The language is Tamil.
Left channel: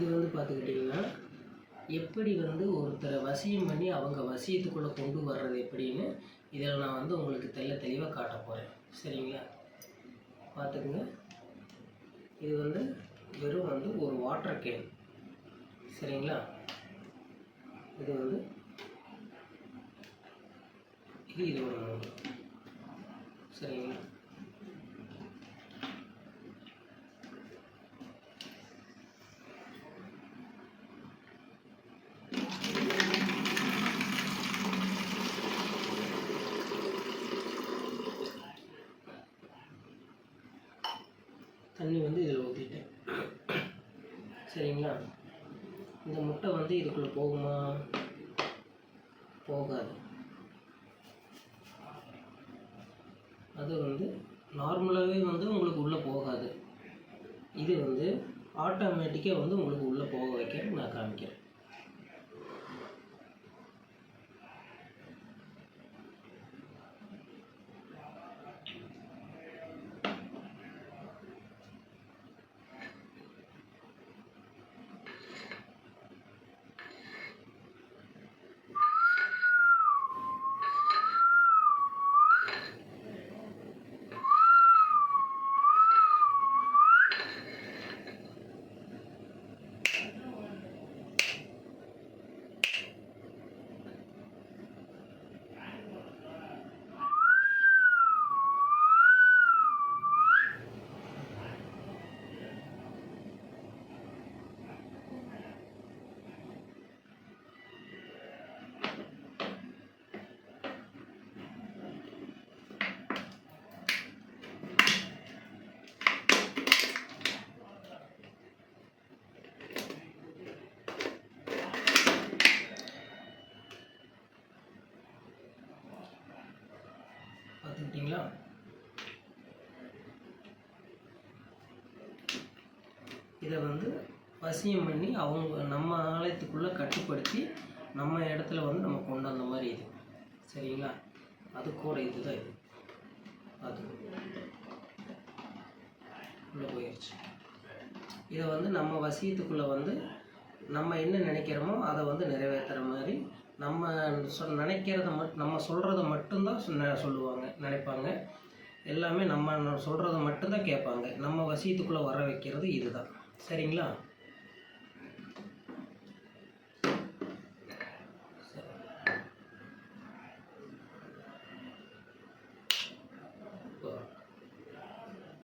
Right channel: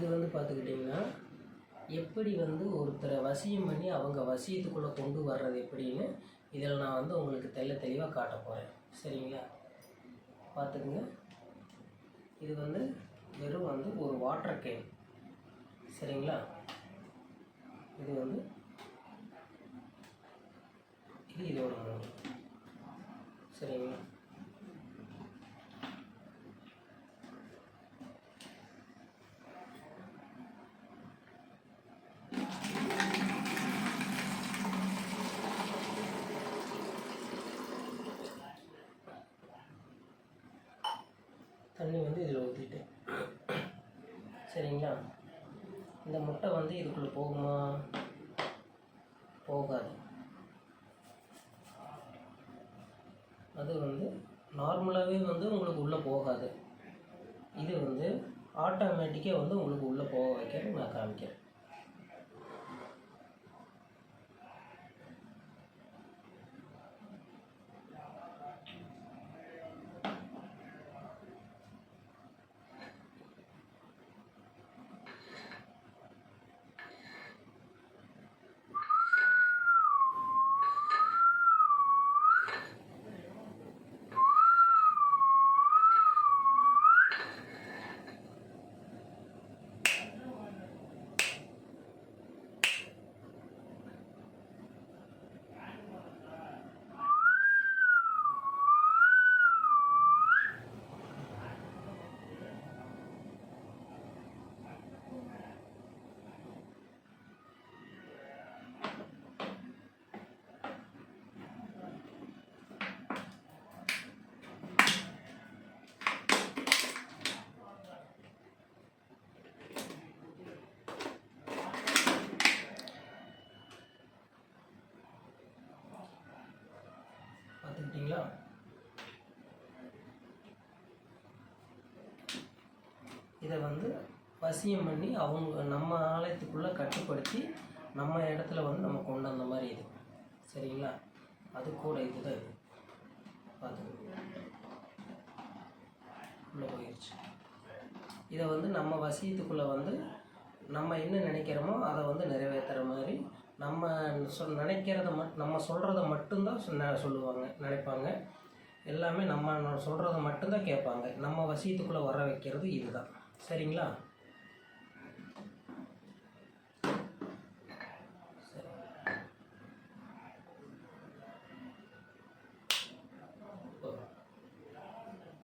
இது வந்து பார்த்துக்கிட்டிங்கன்னா எப்படி வந்து ஒருத்தரை வசியம் பண்ணி அவங்க வசியத்துக்குள்ளே கொண்டு வர்றது எப்படின்னு இதில் நான் வந்து உங்களுக்கு தெளிவாக காட்ட போகிறேன். சரிங்களா? பார்த்துக்குங்க. இது வந்து வெறும் வந்து ஒரு வாட்டர் கேன். சரிங்களா? இது வந்து இதோட மூணு. சரிங்களா? தண்ணி வந்து இதில் ஊற்றிட்டேன். சரிங்களா? இந்த முட்டை வந்து இதுக்குள்ளே போகுமா? போகாது. அது வந்து நார்மலாகவே வந்து உங்களுக்கு உள்ளே போகாது. இது வந்து ஆட்டோமேட்டிக்காக வந்து உங்களுக்கு உள்ளே போக வைக்க நான் காமிக்கிறேன். பார்த்துக்கிட்டிங்களா? இதை வந்து வசியம் பண்ணி அவங்க நம்ம ஆலயத்துக்குள்ளே கட்டுப்படுத்தி நம்ம இடத்துல வந்து நம்ம கொண்டு வந்த மாதிரி இது. சரிங்களா? அது கூட இதுதான் இது. பார்த்துக்கோங்க, உள்ளே போயிடுச்சு. இதை வந்து நம்ம வசியத்துக்குள்ளே வந்து நம்ம என்ன நினைக்கிறோமோ அதை வந்து நிறைவேற்றுற மாதிரி நம்ம நினைக்கிறத நம்ம சொல்கிறத மட்டும்தான் சொல்லுவாங்க, நினைப்பாங்க. எல்லாமே நம்ம சொல்கிறத மட்டும்தான் கேட்பாங்க. நம்ம வசியத்துக்குள்ளே வர வைக்கிறது இதுதான். சரிங்களா?